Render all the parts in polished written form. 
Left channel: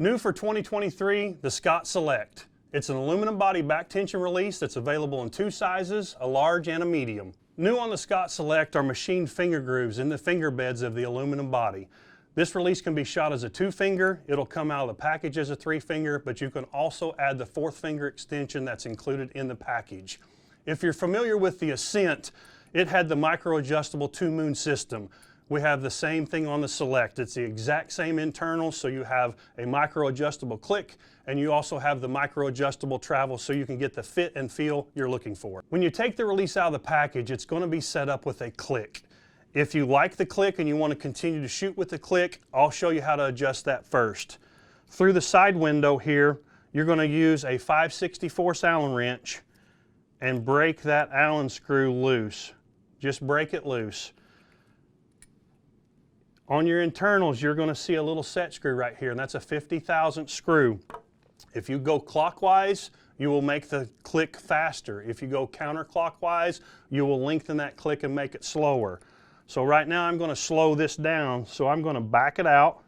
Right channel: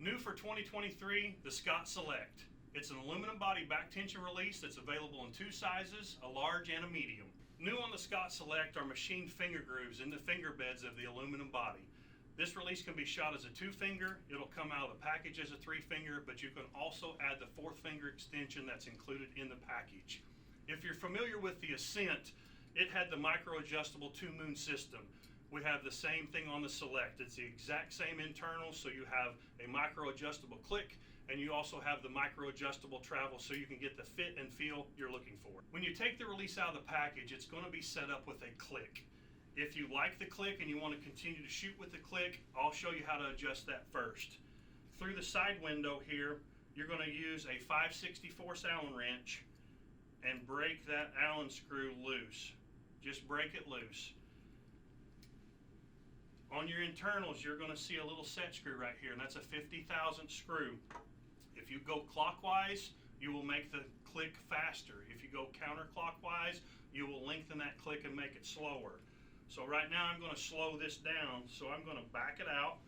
New for 2023, the Scott Select. It's an aluminum body back tension release that's available in two sizes, a large and a medium. New on the Scott Select are machined finger grooves in the finger beds of the aluminum body. This release can be shot as a 2-finger, it'll come out of the package as a 3-finger, but you can also add the 4th finger extension that's included in the package. If you're familiar with the Ascent, it had the micro adjustable 2-moon system. We have the same thing on the Select. It's the exact same internals, so you have a micro adjustable click and you also have the micro adjustable travel so you can get the fit and feel you're looking for. When you take the release out of the package, it's going to be set up with a click. If you like the click and you want to continue to shoot with the click, I'll show you how to adjust that first. Through the side window here, you're going to use a 5/64 Allen wrench and break that Allen screw loose. Just break it loose. On your internals, you're going to see a little set screw right here, and that's a 50,000th screw. If you go clockwise, you will make the click faster. If you go counterclockwise, you will lengthen that click and make it slower. So right now I'm going to slow this down, so I'm going to back it out.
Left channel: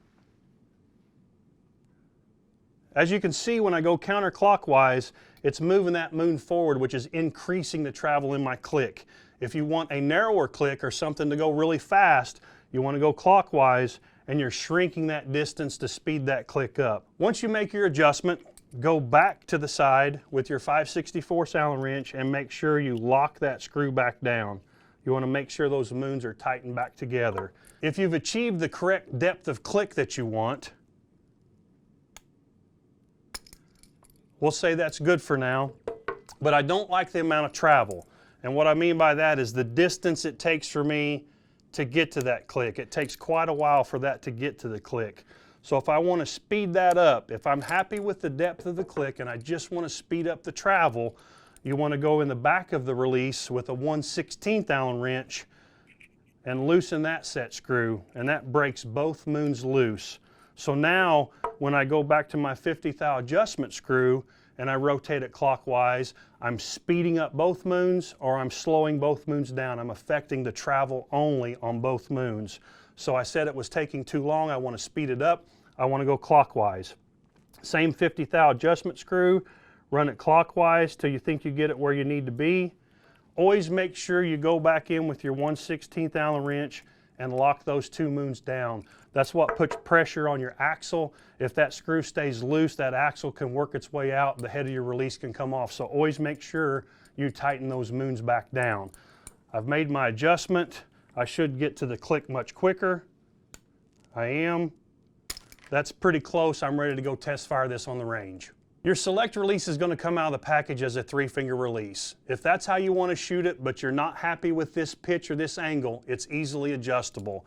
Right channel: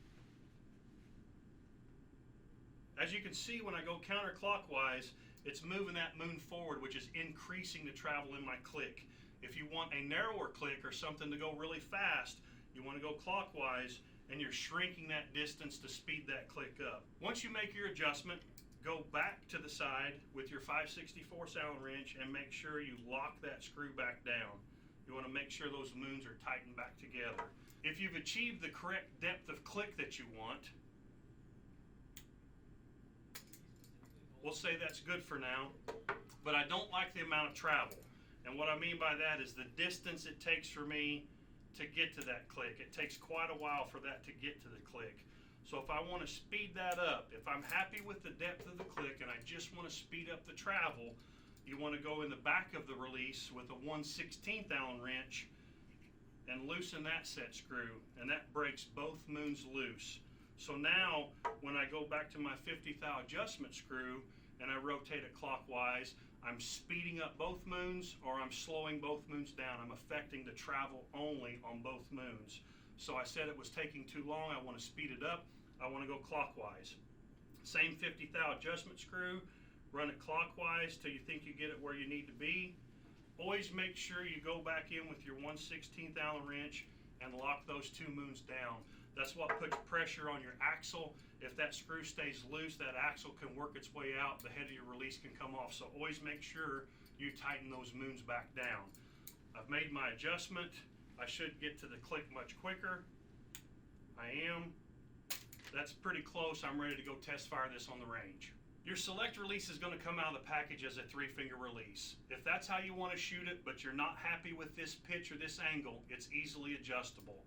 As you can see, when I go counterclockwise, it's moving that moon forward, which is increasing the travel in my click. If you want a narrower click or something to go really fast, you want to go clockwise and you're shrinking that distance to speed that click up. Once you make your adjustment, go back to the side with your 5/64 Allen wrench and make sure you lock that screw back down. You want to make sure those moons are tightened back together. If you've achieved the correct depth of click that you want, we'll say that's good for now, but I don't like the amount of travel. And what I mean by that is the distance it takes for me to get to that click. It takes quite a while for that to get to the click. So if I want to speed that up, if I'm happy with the depth of the click and I just want to speed up the travel, you want to go in the back of the release with a 1/16 Allen wrench and loosen that set screw, and that breaks both moons loose. So now when I go back to my 50/thou adjustment screw and I rotate it clockwise, I'm speeding up both moons or I'm slowing both moons down. I'm affecting the travel only on both moons. So I said it was taking too long. I want to speed it up. I want to go clockwise. Same 50/thou adjustment screw. Run it clockwise till you think you get it where you need to be. Always make sure you go back in with your 1/16 Allen wrench and lock those 2 moons down. That's what puts pressure on your axle. If that screw stays loose, that axle can work its way out, the head of your release can come off. So always make sure you tighten those moons back down. I've made my adjustment. I should get to the click much quicker. I am. That's pretty close. I'm ready to go test fire this on the range. Your Select release is going to come out of the package as a 3-finger release. If that's how you want to shoot it, but you're not happy with this pitch or this angle, it's easily adjustable.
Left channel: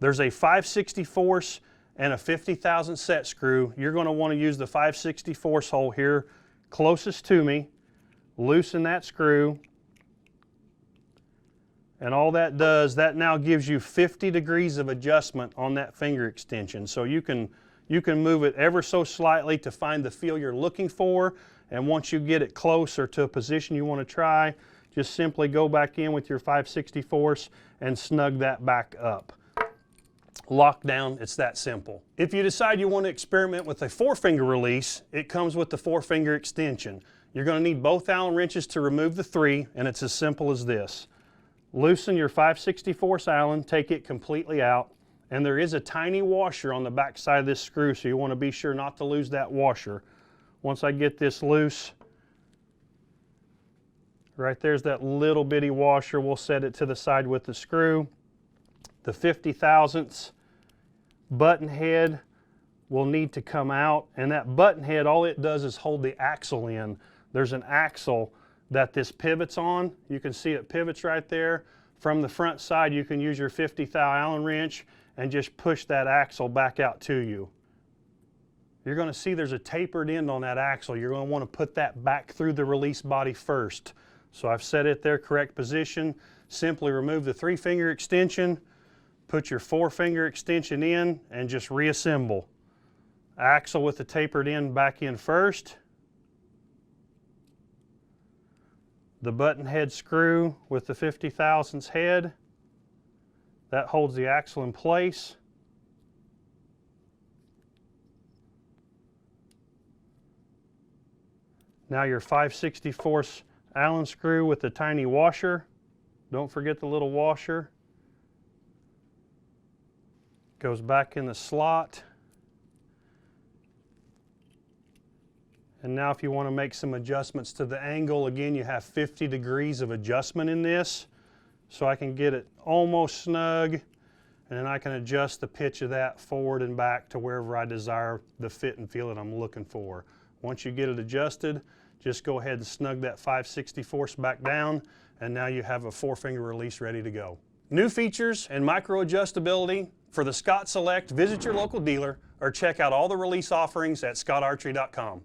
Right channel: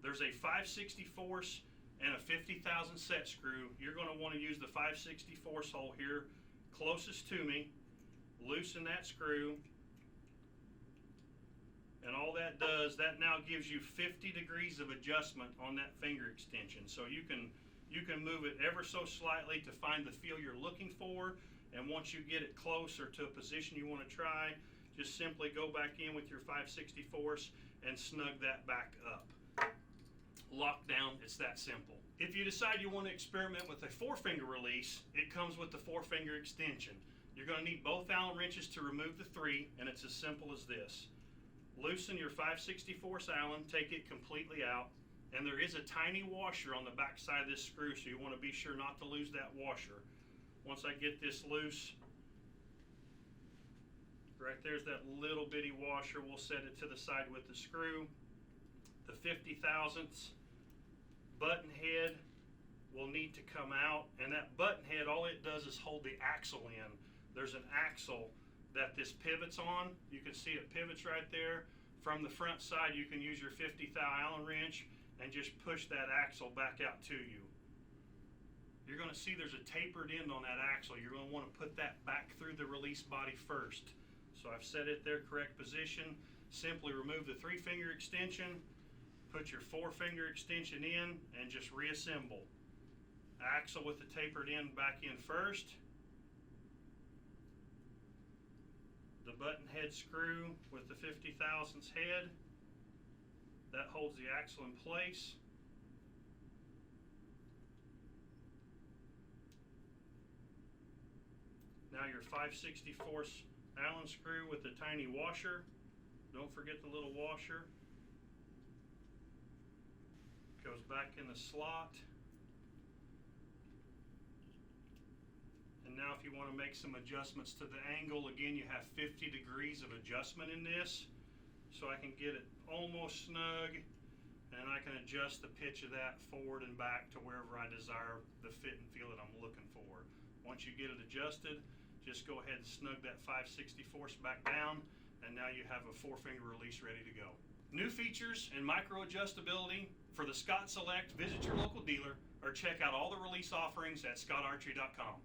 There's a 5/64 and a 50,000 set screw. You're going to want to use the 5/64 hole here closest to me. Loosen that screw. And all that does, that now gives you 50 degrees of adjustment on that finger extension. So you can move it ever so slightly to find the feel you're looking for. And once you get it closer to a position you want to try, just simply go back in with your 5/64 and snug that back up. Lock down, it's that simple. If you decide you want to experiment with a 4-finger release, it comes with the 4-finger extension. You're going to need both Allen wrenches to remove the 3, and it's as simple as this. Loosen your 5/64 Allen, take it completely out, and there is a tiny washer on the back side of this screw, so you want to be sure not to lose that washer. Once I get this loose, right there's that little bitty washer. We'll set it to the side with the screw. The 50,000ths button head will need to come out, and that button head, all it does is hold the axle in. There's an axle that this pivots on. You can see it pivots right there. From the front side, you can use your 50/thou Allen wrench and just push that axle back out to you. You're going to see there's a tapered end on that axle. You're going to want to put that back through the release body first. So I've set it there, correct position. Simply remove the 3-finger extension, put your 4-finger extension in, and just reassemble. Axle with the tapered end back in first. The button head screw with the 50,000ths head. That holds the axle in place. Now your 5/64 Allen screw with the tiny washer. Don't forget the little washer. Goes back in the slot. And now if you want to make some adjustments to the angle, again, you have 50 degrees of adjustment in this. So I can get it almost snug, and then I can adjust the pitch of that forward and back to wherever I desire the fit and feel that I'm looking for. Once you get it adjusted, just go ahead and snug that 5/64 back down, and now you have a 4-finger release ready to go. New features and micro adjustability for the Scott Select. Visit your local dealer or check out all the release offerings at scottarchery.com.